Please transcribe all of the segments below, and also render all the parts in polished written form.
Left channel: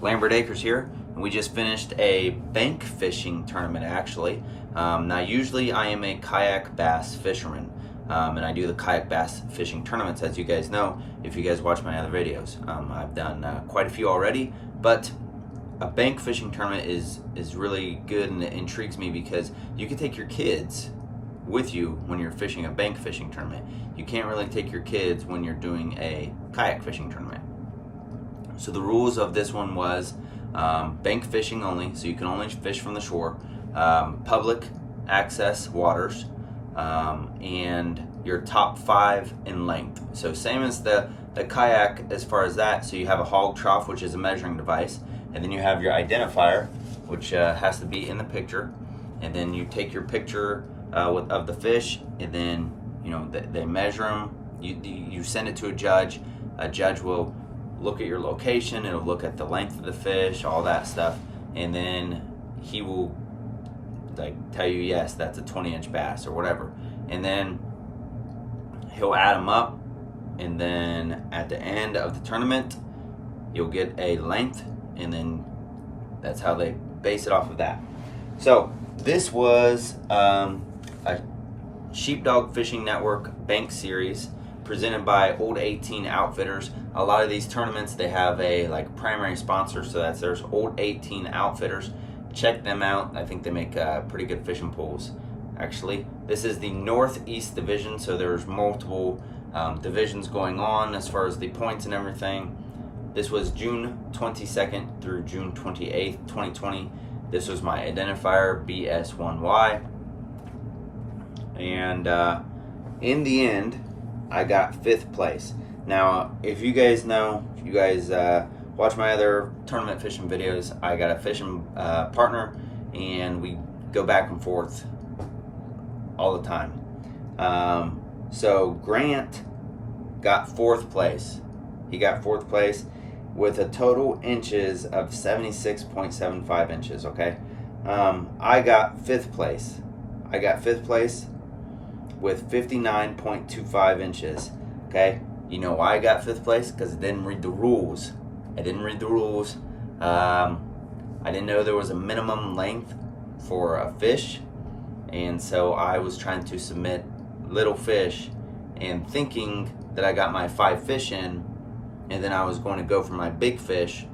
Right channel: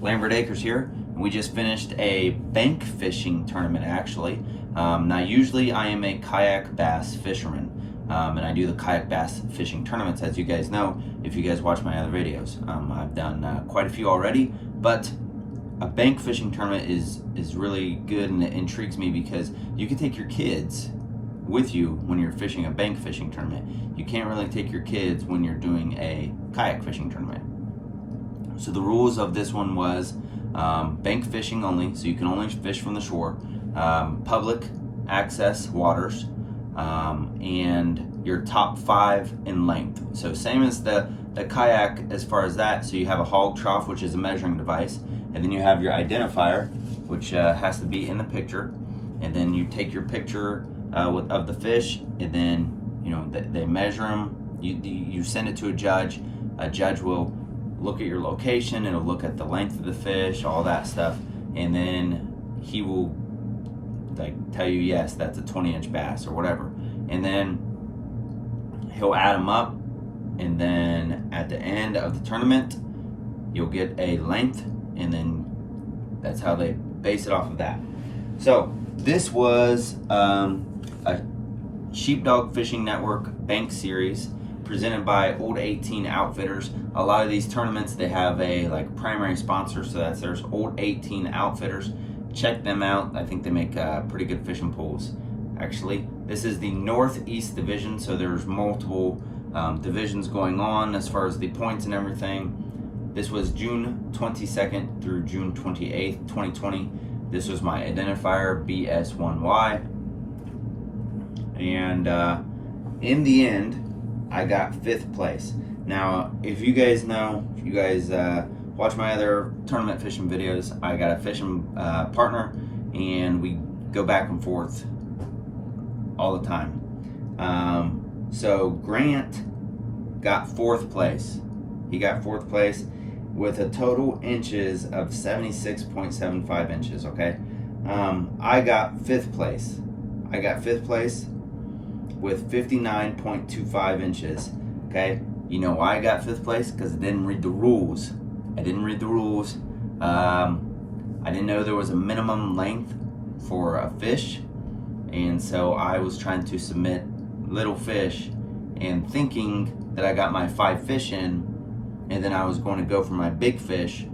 Lambert Acres here, and we just finished a bank fishing tournament actually. Now usually I am a kayak bass fisherman, and I do the kayak bass fishing tournaments, as you guys know if you guys watch my other videos. I've done quite a few already, but a bank fishing tournament is really good, and it intrigues me because you can take your kids with you when you're fishing a bank fishing tournament. You can't really take your kids when you're doing a kayak fishing tournament. So the rules of this one was bank fishing only, so you can only fish from the shore, public access waters, and your top 5 in length. So same as the kayak as far as that. So you have a hog trough, which is a measuring device, and then you have your identifier, which has to be in the picture, and then you take your picture of the fish, and then they measure them. You send it to a judge. A judge will look at your location. It'll look at the length of the fish, all that stuff, and then he will tell you, yes, that's a 20-inch bass or whatever, and then he'll add them up, and then at the end of the tournament you'll get a length, and then that's how they base it off of that. So this was a Sheepdog Fishing Network Bank Series presented by Old 18 Outfitters. A lot of these tournaments, they have a primary sponsor, so there's Old 18 Outfitters. Check them out. I think they make pretty good fishing poles. Actually, this is the Northeast Division, so there's multiple divisions going on as far as the points and everything. This was June 22nd through June 28th, 2020. This was my identifier, BS1Y. And in the end, I got 5th place. Now, if you guys know, if you guys watch my other tournament fishing videos, I got a fishing partner, and we go back and forth all the time. So Grant got 4th place. He got 4th place with a total inches of 76.75 inches, okay? I got 5th place. I got 5th place with 59.25 inches, okay? You know why I got 5th place? Because I didn't read the rules. I didn't read the rules. I didn't know there was a minimum length for a fish, and so I was trying to submit little fish and thinking that I got my 5 fish in, and then I was going to go for my big fish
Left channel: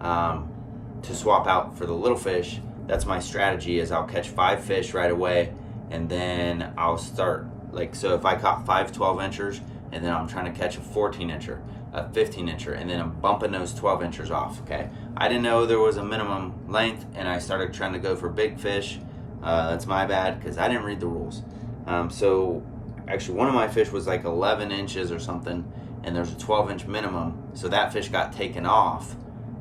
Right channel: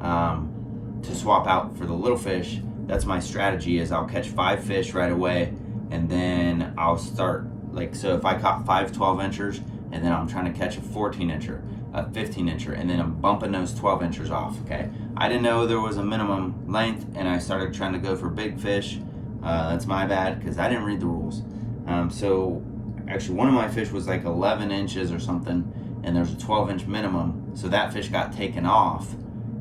to swap out for the little fish. That's my strategy, is I'll catch 5 fish right away, and then I'll start, so if I caught 5 12-inchers, and then I'm trying to catch a 14-incher, a 15-incher, and then I'm bumping those 12-inchers off, okay? I didn't know there was a minimum length, and I started trying to go for big fish. That's my bad, because I didn't read the rules. So actually one of my fish was 11 inches or something, and there's a 12-inch minimum, so that fish got taken off.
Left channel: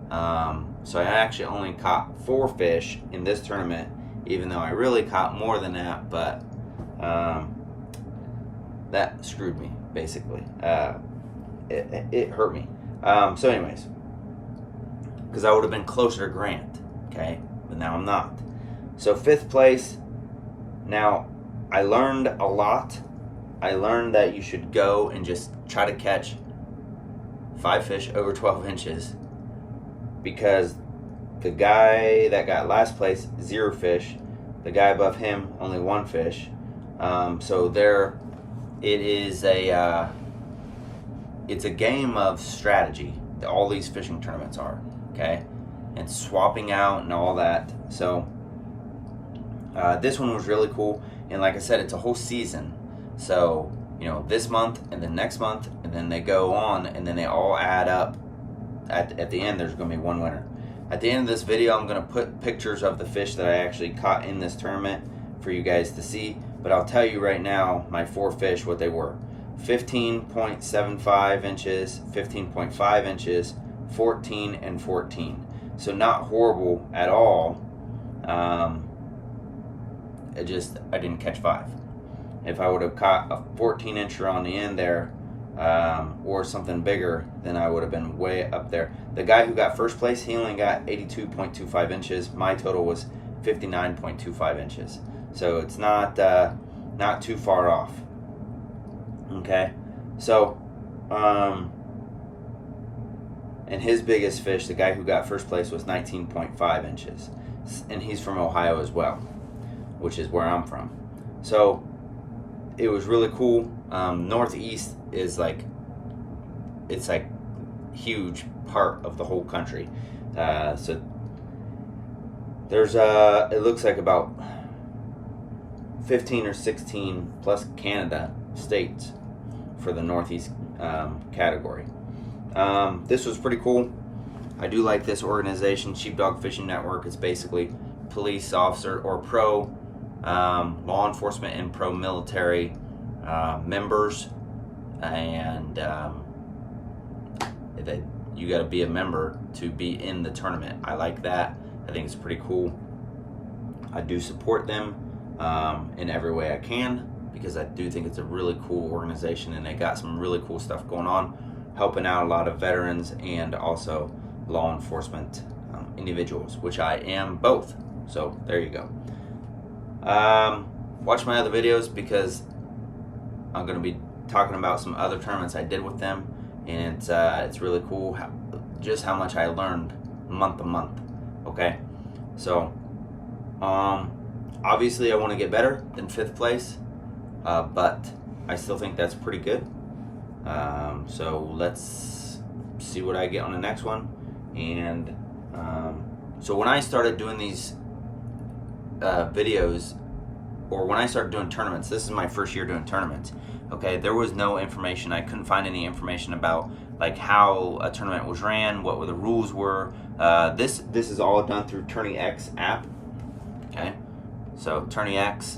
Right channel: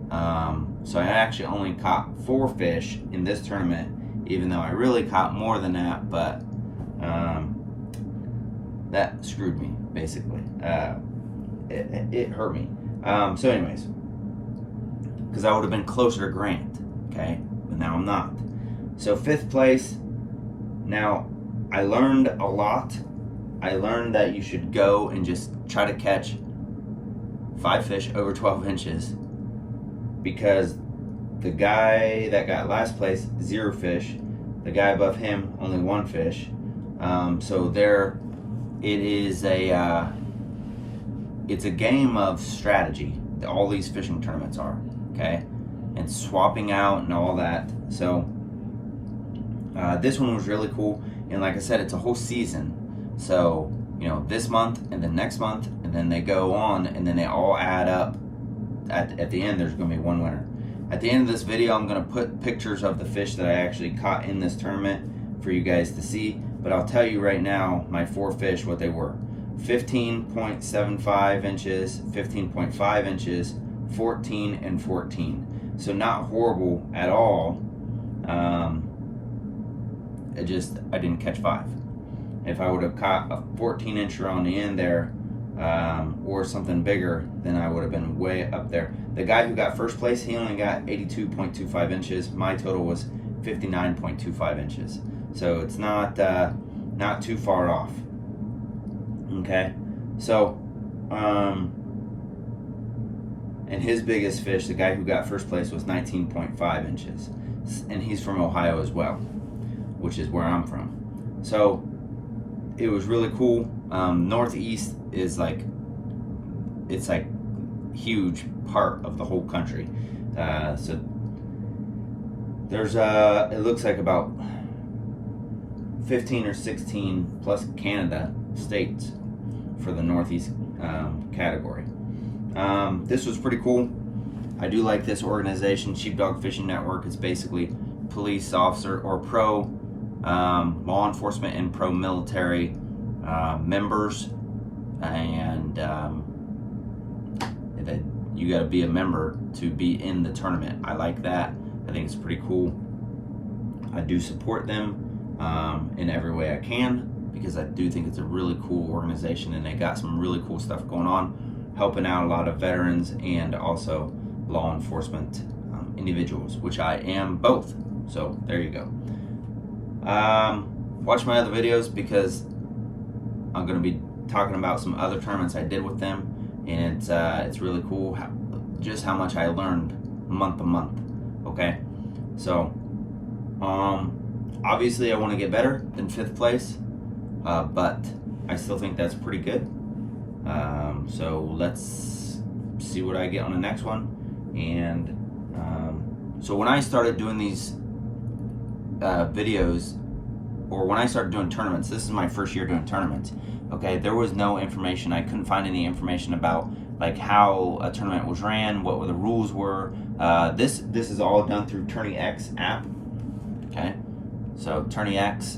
So I actually only caught 4 fish in this tournament, even though I really caught more than that, but that screwed me, basically. It hurt me. So anyways, because I would have been closer to Grant, okay? But now I'm not. So 5th place. Now, I learned a lot. I learned that you should go and just try to catch 5 fish over 12 inches, because the guy that got last place, 0 fish. The guy above him, only 1 fish. So there, it is it's a game of strategy. All these fishing tournaments are, okay, and swapping out and all that. So this one was really cool, and like I said, it's a whole season. So this month and then next month, and then they go on, and then they all add up. At the end, there's going to be one winner. At the end of this video, I'm going to put pictures of the fish that I actually caught in this tournament for you guys to see. But I'll tell you right now, my 4 fish, what they were: 15.75 inches, 15.5 inches, 14, and 14. So not horrible at all. I didn't catch 5. If I would have caught a 14-incher on the end there, or something bigger, then I would have been way up there. The guy who got 1st place, he only got 82.25 inches. My total was 59.25 inches. So it's not too far off. Okay, so and his biggest fish, the guy who got first place, was 19.5 inches, and he's from Ohio as well, which is where I'm from. So it was really cool. Northeast is like, it's like huge part of the whole country. So there's it looks like about 15 or 16 plus Canada states for the Northeast category. This was pretty cool. I do like this organization, Sheepdog Fishing Network. It's basically police officer or pro law enforcement and pro military members, and that you got to be a member to be in the tournament. I like that. I think it's pretty cool. I do support them in every way I can, because I do think it's a really cool organization, and they got some really cool stuff going on, helping out a lot of veterans and also law enforcement individuals, which I am both. So there you go. Watch my other videos, because I'm going to be talking about some other tournaments I did with them, and it's really cool just how much I learned month to month. Okay, so obviously I want to get better than 5th place, but I still think that's pretty good. So let's see what I get on the next one. And so when I started doing these videos, or when I started doing tournaments, this is my first year doing tournaments. Okay, there was no information. I couldn't find any information about like how a tournament was ran, what the rules were. This is all done through Tourney X app. Okay, so Tourney X,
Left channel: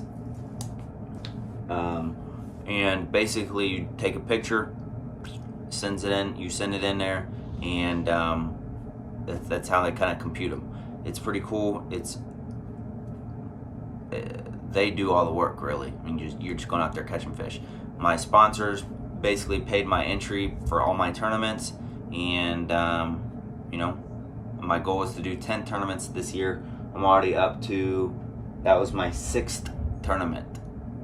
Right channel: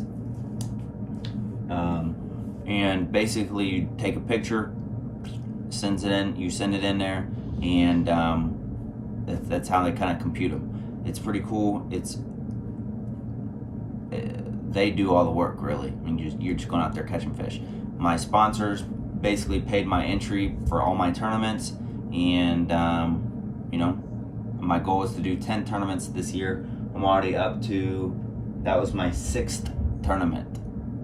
and basically you take a picture, sends it in, you send it in there, and that's how they kind of compute them. It's pretty cool. They do all the work, really. I mean, you're just going out there catching fish. My sponsors basically paid my entry for all my tournaments, and you know, my goal is to do 10 tournaments this year. I'm already up to, that was my 6th tournament.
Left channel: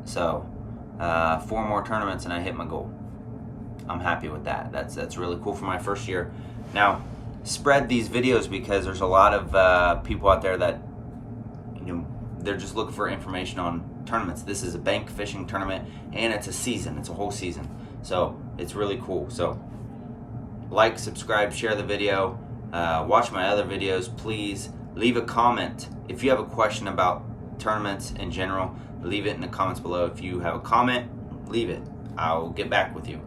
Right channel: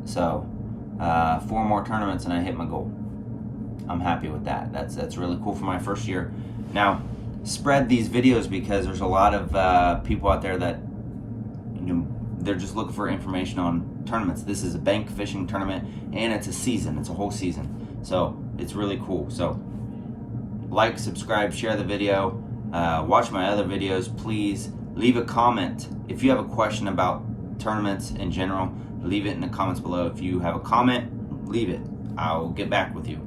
So 4 more tournaments and I hit my goal. I'm happy with that. That's really cool for my first year. Now, spread these videos, because there's a lot of people out there that, you know, they're just looking for information on tournaments. This is a bank fishing tournament, and it's a season. It's a whole season. So it's really cool. So like, subscribe, share the video. Watch my other videos. Please leave a comment. If you have a question about tournaments in general, leave it in the comments below. If you have a comment, leave it. I'll get back with you.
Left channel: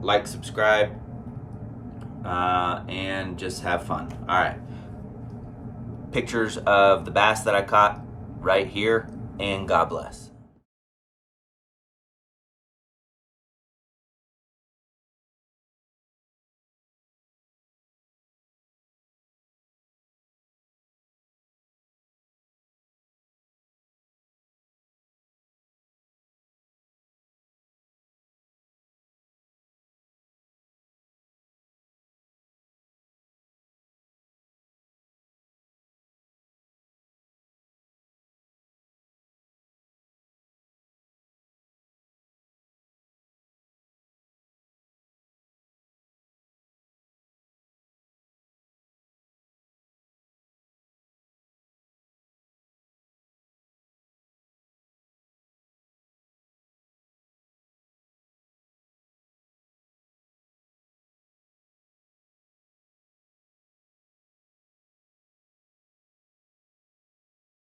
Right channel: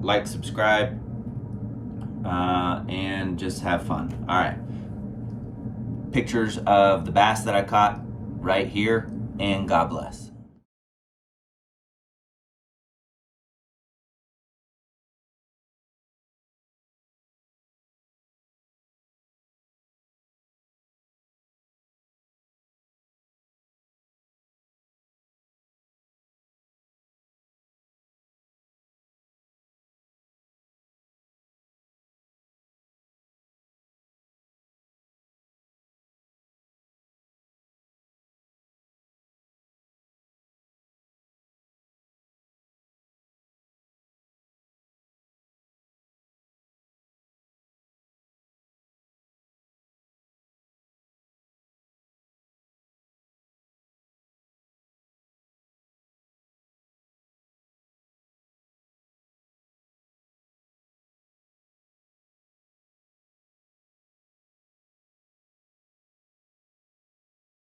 Like, subscribe, and just have fun. All right. Pictures of the bass that I caught right here, and God bless.